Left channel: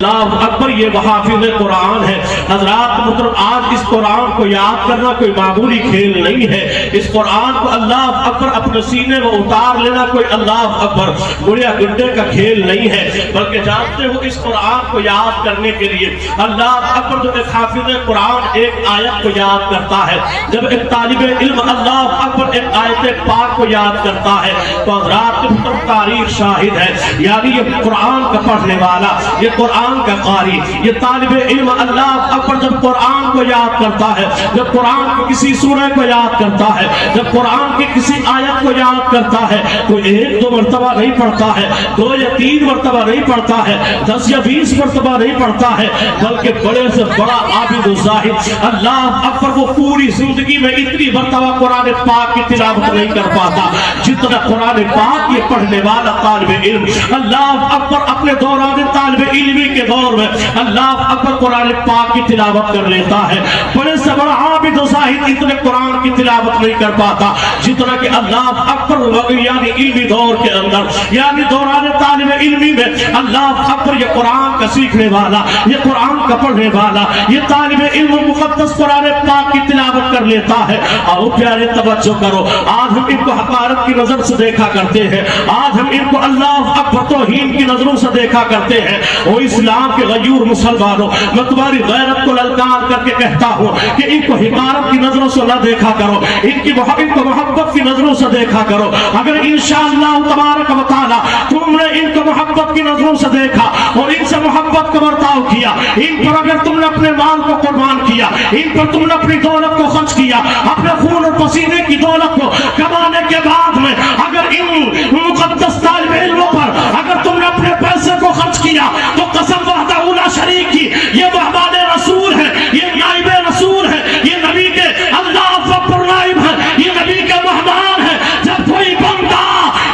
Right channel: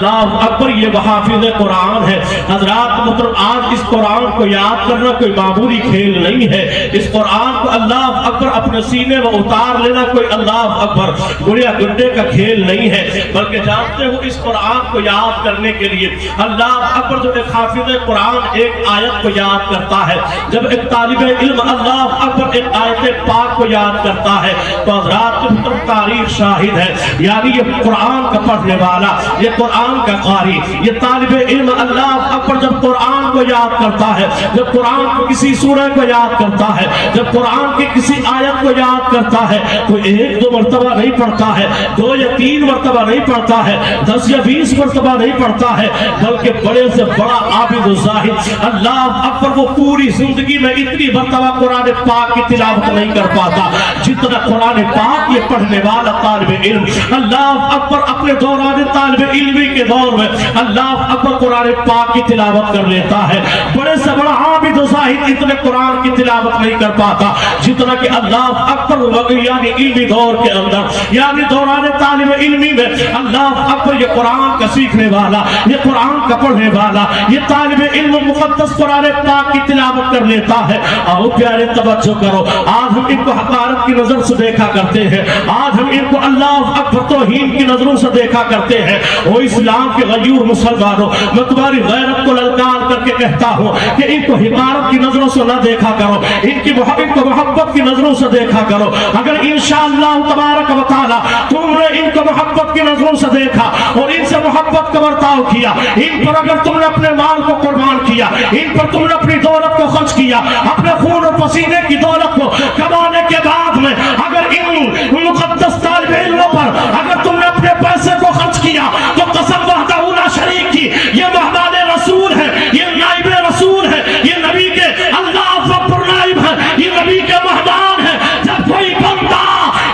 اللہ اکبر، یہ حافظ قرآن ہے۔ حضرات محترم، آج اس قرآن کو یاد کرنا کوئی معمولی کھیل نہیں ہے۔ اس قرآن کو اللہ اکبر اپنے سینے میں اتار لینا کوئی اللہ اکبر گڑیا گڈے کا کھیل نہیں ہے، بلکہ جانتے ہو اس قرآن کو یاد کرنے کے لیے اللہ اکبر جو ایک حافظ قرآن ایک آیت کو یاد کرتا ہے، جب ایک طالب علم اللہ اکبر ایک آیت پاک کو یاد کرتا ہے تو حضرات محترم تاریخ شاہد ہے، یعنی یہ قرآن کا پڑھنے والا، یہ قرآن کا قاری، یہ طالب علم اللہ اکبر جب قرآن کو یاد کرتا ہے، جب قرآن کی کسی سورہ کو یاد کرتا ہے، جب قرآن کی کسی آیت کو یاد کرتا ہے تو ایک دو مرتبہ نہیں پڑھتا ہے، 2 یا 3 مرتبہ نہیں پڑھتا ہے، 10 یا 20 مرتبہ نہیں پڑھتا ہے، بلکہ بڑے سے بڑا عابد و زاہد اللہ اکبر وہ پوری زندگی میں اتنی مرتبہ قرآن پاک کی تلاوت نہیں کر پاتا جتنا قرآن پاک یہ پڑھنے والا طالب علم اللہ اکبر اپنے دوران طالب علمی کے دور میں اللہ اکبر قرآن پاک کی تلاوت کر لیتا ہے۔ بڑے سے بڑا عابد و زاہد اتنے قرآن کی تلاوت نہیں کر پاتا جتنا کہ اللہ اکبر یعنی علمی دور کے اندر، یعنی دوران طالب علمی میں اللہ اکبر یہ قرآن کا سیکھنے والا، یہ قرآن کا پڑھنے والا، یہ طالب علم مقدس قرآن پاک کی تلاوت کر لیتا ہے۔ اور پیارے توجہ کرو، آج ہم ان کو حقارت کی نظر سے دیکھا کرتے ہیں، آج ہم ان کو اللہ اکبر توہین کی نظروں سے دیکھا کرتے ہیں۔ وہ اسلام کے غیور مسلمانوں، میں تمہاری غیرت کو للکار کر کے کہتا ہوں کہ ان کو حقارت کی نظروں سے نہ دیکھا کرو، ان کو محبت کی نظروں سے دیکھا کرو۔ اگر انشاءاللہ تبارک و تعالی تم نے ان کو محبت کی نظروں سے دیکھا اور ان سے محبت کا برتاؤ کیا، ان پر اگر تم نے اپنے مال کو قربان کیا، ان پر تم نے اپنی دولت کو خرچ کیا، اپنے خون اور پسینے کی دولت کو کمانے کے بعد میں اگر ان مقدس طالب علموں پر اگر تم نے اپنے پیسے کو خرچ کیا تو قسم وحدہ اولا شریک کی، یہ محمد رسول ہے، یہ نائب رسول ہے، یہ نبی کے اللہ اکبر نائب ہے، یہ نبی کے مہمان ہے۔ جب کوئی بندہ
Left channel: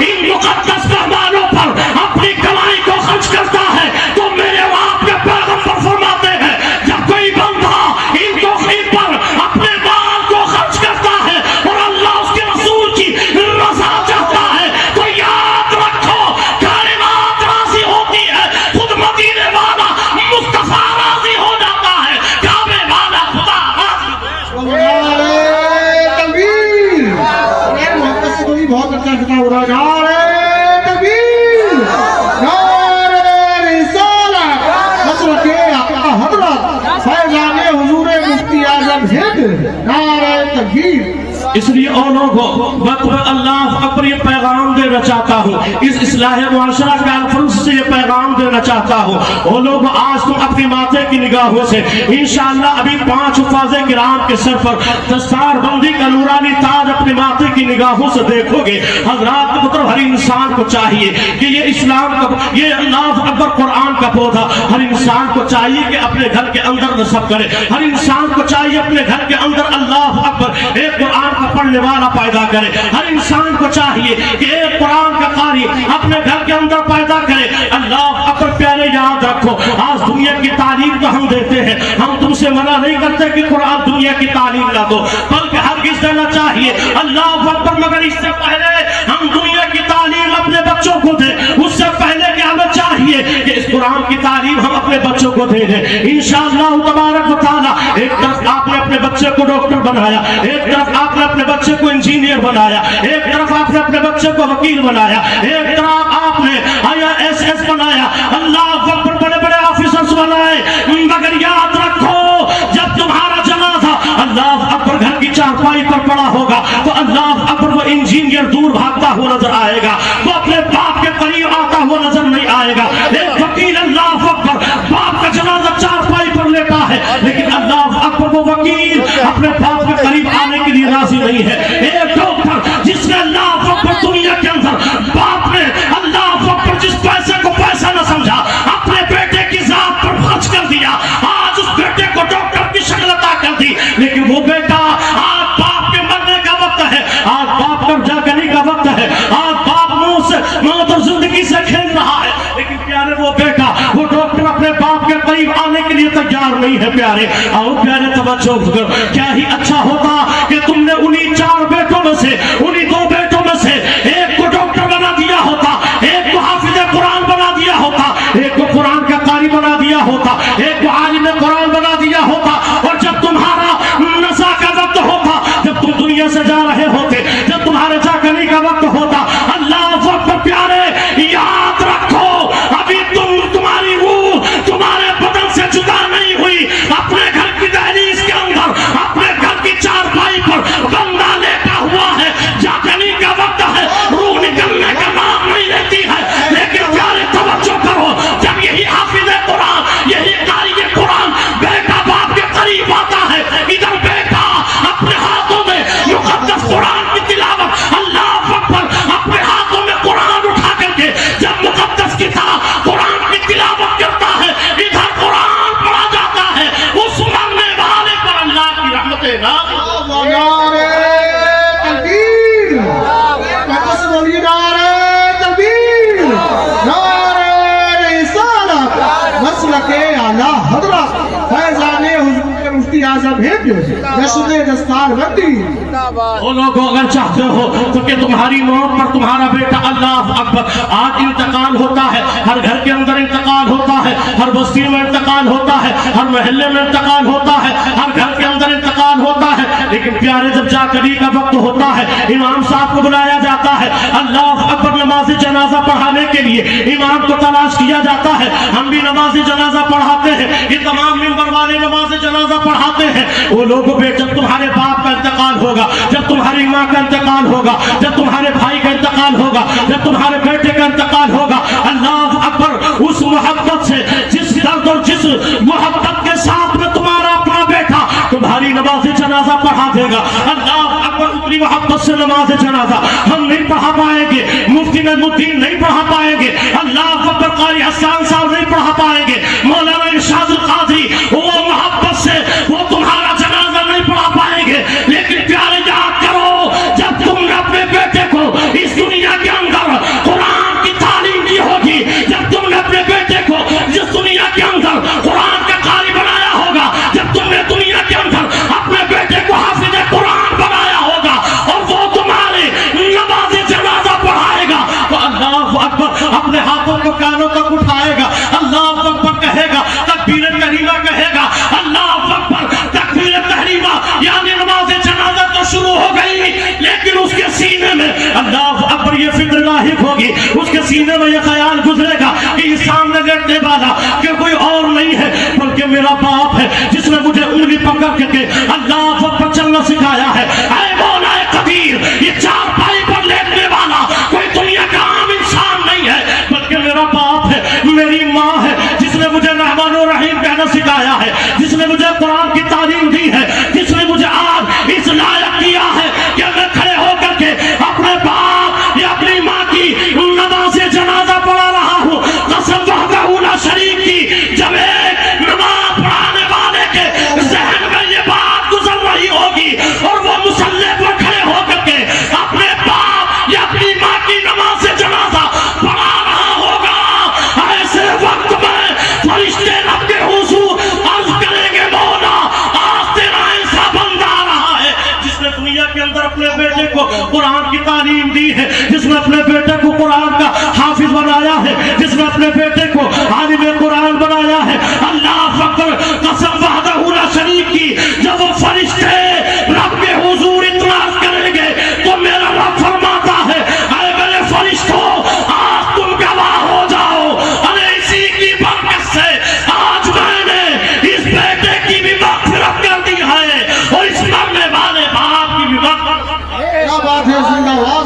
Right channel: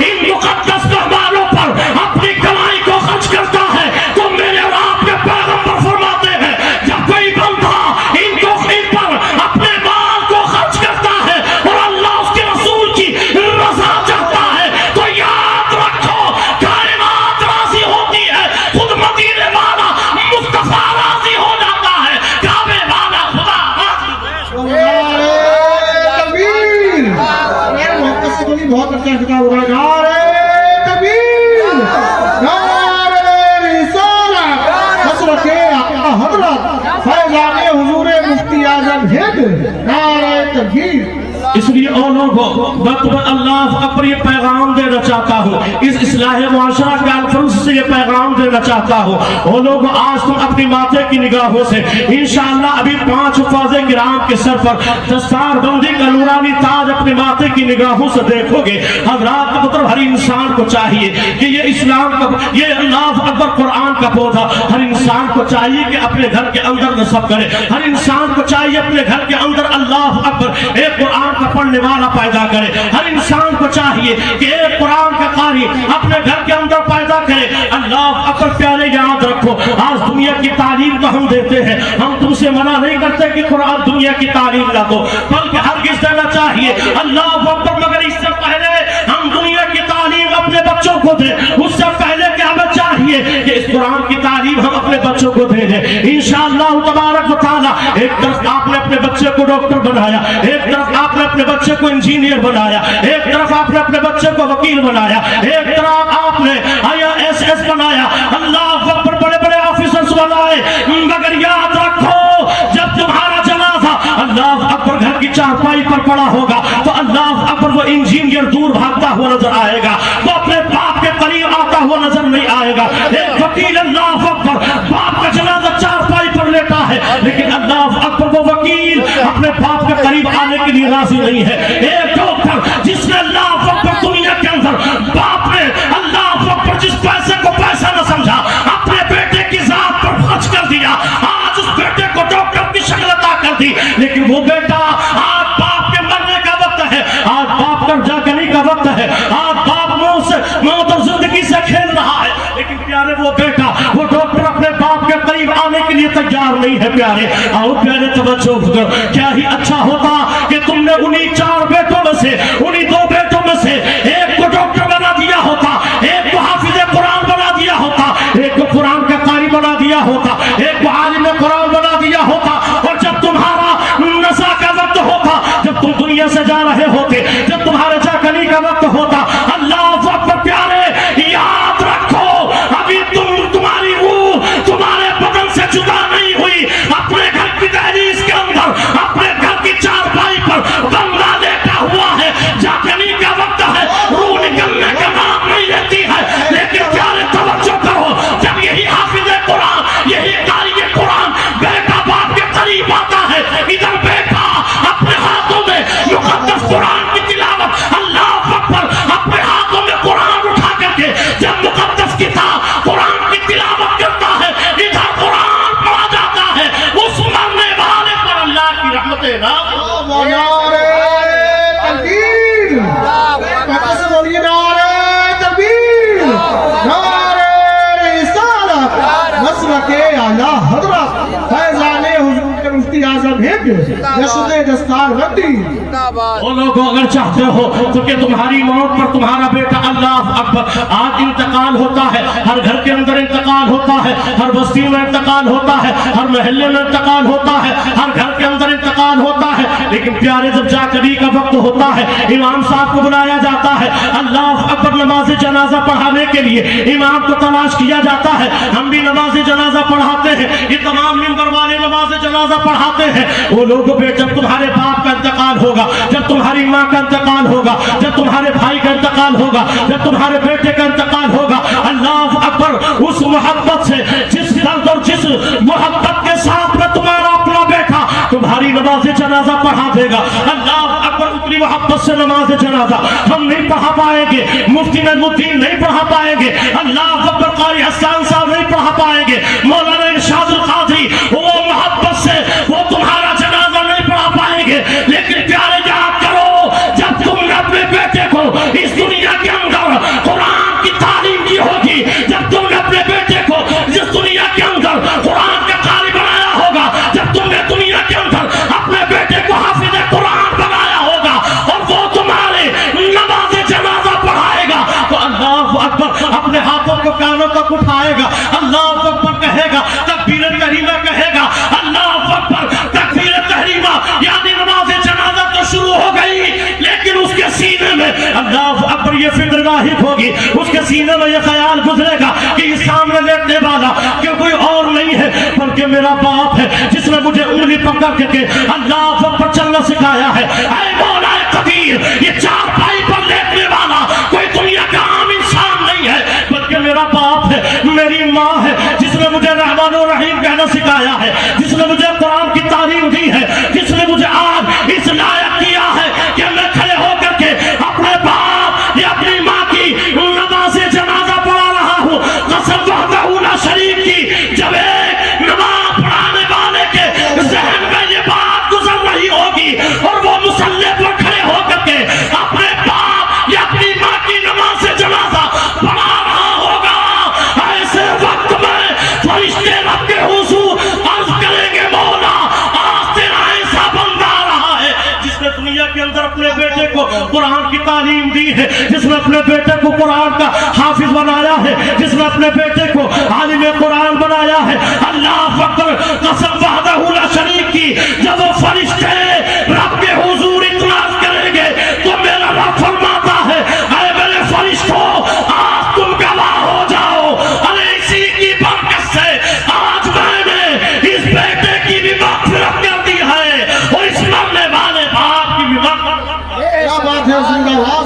ان مقدس مہمانوں پر اپنی کمائی کو خرچ کرتا ہے تو میرے اور آپ کے پیغمبر فرماتے ہیں جب کوئی بندہ ان پر اپنے مال کو خرچ کرتا ہے اور اللہ اس کے رسول کی رضا چاہتا ہے تو یاد رکھو کائنات راضی ہوتی ہے، خود مدینے والا مصطفیٰ راضی ہو جاتا ہے، کعبے والا خدا راضی۔ نعرے تکبیر! محبت سے کوئی بہت اچھا خطاب ہو رہا ہے۔ نعرے تکبیر! نعرے رسالت! حضرت آقا حضرت فیضان حضور مفتی اعظم ہند، نعرے تکبیر! اس لیے او لوگوں میں تمہیں اللہ اکبر یہ پیغام دینا چاہتا ہوں، اس اصلاح معاشرہ کے الفاظ سے یہ پیغام دینا چاہتا ہوں۔ او لوگوں آج تم اپنی ماتھے کی نگاہوں سے انشاءاللہ ابھی 5 حفاظ کرام کے سر پر دستار بندی کا نورانی تاج اپنے ماتھے کی نگاہوں سے دیکھو گے۔ حضرات مطلب ہر انسان کو چاہیے کہ یہ اسلام کا، یہ اللہ اکبر قرآن کا پودا ہر انسان کو چاہیے کہ اپنے گھر کے اندر نصب کرے، ہر انسان کو چاہیے اپنے گھر کے اندر اللہ اکبر ایک قرآن کا پڑھنے والا پیدا کرے، ہر انسان کو چاہیے کہ ایک قرآن کا قاری اپنے گھر کے اندر پیدا کرے۔ اللہ اکبر پیارے یاد رکھو، آج دنیا کی تعلیم تو ہم دیتے ہیں، ہم تم سے منع نہیں کرتے کہ قرآن دنیا کی تعلیم نہ دو، بلکہ ہرگز دینا چاہیے اللہ اکبر، مگر اس سے پہلے ہم دنیا کی تعلیم اپنے بچوں کو دیں، اس سے پہلے کہ ہمیں چاہیے کہ اس قرآن کی تعلیم ہم اپنے بچوں کو دے دیں انشاءاللہ تبارک و تعالی۔ ایک طرف آپ نے اپنے بچے کو ڈاکٹر بنایا، ایک طرف آپ نے اپنے بچے کو انجینئر بنایا، ایک طرف آپ نے اپنے بچے کو وکیل بنایا، ایک طرف آپ نے IAS بنایا، اللہ اکبر بڑے بڑے آفیسرز بنائے، مگر یاد رکھو جب تمہارا جنازہ اللہ اکبر گھر کی چارپائی پر پڑا ہوگا تو اللہ اکبر وہ انجینئر دور بھاگتا ہوا نظر آئے گا، وہ اپنے باپ کے قریب آتا ہوا نظر نہیں آئے گا۔ ایک وکیل اللہ اکبر باپ کا جنازہ چارپائی پر لیتا ہے لیکن اللہ اکبر وہ وکیل اپنے باپ کے قریب آنے کے لیے راضی نہیں ہے۔ ایک ڈاکٹر جس نے اللہ اکبر دنیا کے اندر باپ نے اللہ اکبر جس پیسے کو پیسہ نہ سمجھا اپنے بیٹے کی ذات پر خرچ کر دیا، آج اس بیٹے کو ڈاکٹر کی شکل عطا کر دی، لیکن وہ بیٹا آج باپ کے مرنے کا وقت ہے، آج باپ کا جاگنے کا وقت ہے، آج باپ موت اور زندگی سے کھیل رہا ہے، لیکن پیارے وہ بیٹا وہ ڈاکٹر اپنے باپ کے قریب آنے کے لیے تیار نہیں ہے۔ پیارے آؤ پیارے توجہ کرو، کیا ہی اچھا ہوتا کہ تم نے انہی 4 بیٹوں میں سے، انہی 2 بیٹوں میں سے ایک کو ڈاکٹر بنا دیا ہوتا، ایک کو حافظ قرآن بنا دیا ہوتا، ایک کو قرآن کا قاری بنا دیا ہوتا، ایک کو عالم قرآن بنا دیا ہوتا، اور جب تمہارا نزا کا وقت ہوتا، جب تم دنیا سے جا رہے ہوتے، جب تمہارے جاگنے کا وقت ہوتا، اللہ اکبر پیارے، یاد رکھو ابھی تمہاری روح تمہارے بدن سے جدا نہیں ہوئی، اپنے گھر کی دہلیز کے اندر، اپنے گھر کی چارپائی پر بندہ لیٹا ہوا ہے، جاگنے کا وقت ہے، روح نکلنے کا نام نہیں لیتی ہے، لیکن پیارے توجہ کرو، جب یہی حافظ قرآن، یہی قاری قرآن بیٹا باپ کے قریب آتا ہے، ادھر بیٹا اپنے ہاتھوں میں مقدس قرآن کی تلاوت، اللہ اکبر، اپنے ہاتھوں میں قرآن اٹھا کر کے جب مقدس کتاب قرآن کی تلاوت کرتا ہے، ادھر قرآن پڑھا جاتا ہے، اس مرنے والے پر اللہ کی رحمتیں نازل۔ نعرہ تکبیر، پتہ سے بولیے نعرہ تکبیر، نعرہ رسالت، مسلک اعلیٰ حضرت فیضان حضور کے مفتی اعظم ہند نشر دستار بندی۔ وہ لوگوں اگر چاہتے ہو تو کہ تمہاری موت پر تمہارا بیٹا، اللہ اکبر، آج انتقال ہوتا ہے، ہر گھر کے اندر انتقال ہوتا ہے، ہر بستی میں انتقال ہوتا ہے، ہر محلے میں انتقال ہوتا ہے، ہر گھر کے اندر انتقال ہوتا ہے، لیکن پیارے جب جاگنے کا وقت ہوتا ہے، امام صاحب کو بلایا جاتا ہے، اللہ اکبر، نماز جنازہ پڑھانے کے لیے امام کو تلاش کیا جاتا ہے، ہم بھی نماز جنازہ پڑھاتے ہیں، یہ تمام ممبر والے نماز جنازہ پڑھاتے ہیں۔ وہ لوگ جب تمہارے باپ کا انتقال ہوگا، جب تمہاری ماں کا انتقال ہوگا، جب تمہارے بھائی کا انتقال ہوگا، جب تمہارے بیٹے کا انتقال ہوگا، اللہ اکبر، اس محبت سے، جس درد اور جس محبت کے ساتھ میں تمہارا اپنا بیٹا تمہاری نماز جنازہ پڑھا دے گا، اللہ اکبر، اتنی محبت سے نماز جنازہ ہم نہیں پڑھا پائیں گے، مفتی نجم الدین نہیں پڑھا پائیں گے، اللہ اکبر، قاری حسان صاحب نہیں پڑھا پائیں گے، مولانا ارشاد القادری وہ محبت سے وہ تمہارا جنازہ نہیں پڑھا پائیں گے، لیکن پیارے یاد کرو، جب تم نے اپنے بیٹے کو اس دنیا کے اندر قرآن کی تعلیم دی ہوگی، جب تم نے اپنے بیٹے کو اس دنیا کے اندر قرآن کا قاری بنایا ہوگا، جب تم نے دنیا کے اندر اپنے بیٹے کو حافظ قرآن بنایا ہوگا، اور وہ تمہارے نماز جنازہ پڑھائے گا، تو اللہ اکبر اپنے ہاتھوں کو کانوں تک اٹھائے گا، اللہ اکبر کہے گا، تکبیر تحریمہ کہے گا، اللہ اکبر، تکبیر تحریمہ یعنی نماز جنازہ تو شروع ہو گئی، لیکن اس کے سینے میں اللہ اکبر یہ فکر لاحق ہوگی، اس کے سینے میں یہ خیال گزرے گا کہ اس سامنے لیٹنے والا کہ کوئی اور نہیں ہے بلکہ میرا باپ ہے، جس نے مجھے انگلی پکڑ کے اللہ اکبر چلنا سکھایا ہے، اے مولا قدیر، یہ چار پائی پر لیٹنے والا کوئی دنیا کا عام انسان نہیں ہے بلکہ میرا باپ ہے، میری ماں ہے، جس نے مجھے رحمان و رحیم کہنا سکھایا ہے، جس نے مجھے قرآن کی تعلیم دی ہے، جس نے مجھے آج اس لائق کیا ہے کہ میں کھڑے ہو کر کے اپنے باپ یا اپنی ماں کی نماز جنازہ پڑھا رہا ہوں، قسم وحدہ لا شریک کی، جب ایک نماز پڑھانے والے کے ذہن میں یہ بات گزر رہی ہوگی اور وہ مصلی پر کھڑے ہو کر کے اپنے باپ یا اپنی ماں کی نماز جنازہ پڑھا رہا ہوگا، ایسے وقت میں فرشتے رب کے حضور عرض کریں گے، مولا آج تیرا ایسا بندہ آ رہا ہے جس نے دنیا کے اندر اپنے بیٹے کو قرآن کی تعلیم دی ہے، جس نے اپنے بیٹے کو قرآن کا حافظ بنایا ہے، جس نے اپنے بیٹے کو عالم قرآن بنایا ہے، اللہ اکبر، قسم وحدہ لا شریک کی، جب وہ فرشتے رب کے حضور اطلاع کریں گے تو میرا رب فرماتا ہے، اے میرے فرشتوں آج تم گواہ ہو جاؤ، ارے اسی کی برکت سے آج میں نے اس بیٹے کی بھی مغفرت کر دی ہے اور اس مرنے والے باپ کی بھی مغفرت۔ کیا بات ہے، زندہ اللہ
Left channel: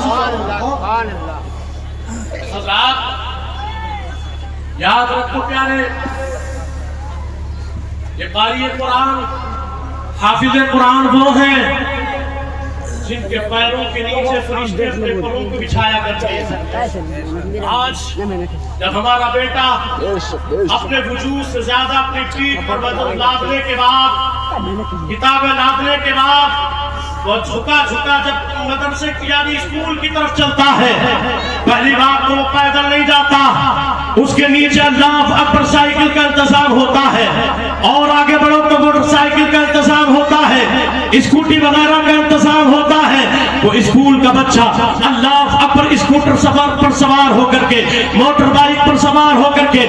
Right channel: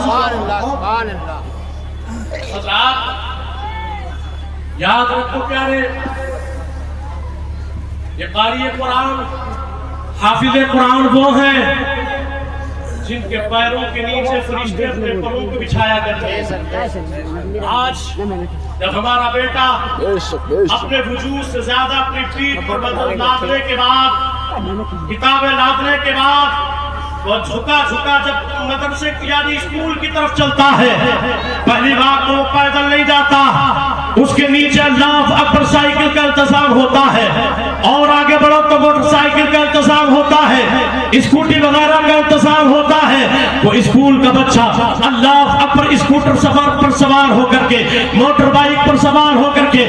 حضرات یاد رکھو پیارے، یہ قاری قرآن، حافظ قرآن وہ ہیں جن کے پیروں کے نیچے فرشتے اپنے پروں کو بچھایا کرتے ہیں۔ آج جب ہمارا بیٹا اپنے وجود سے زیادہ اپنی پیٹھ پر بدن لادنے کے بعد، کتابیں لادنے کے بعد، وہ جھکا جب مدرسے یعنی اسکول کی طرف چلتا ہے، پہلی بار تو وہ پیدل نہیں جاتا، اس کے نیچے اللہ اکبر سائیکل کا انتظام ہوتا ہے، اور آگے بڑھو تو موٹر سائیکل کا انتظام ہوتا ہے، اسکوٹی وغیرہ کا انتظام ہوتا ہے۔ وہ اسکول کا بچہ اللہ اکبر اسکوٹر سفر پر سوار ہو کر کے، موٹر بائک پر سوار ہو کر کے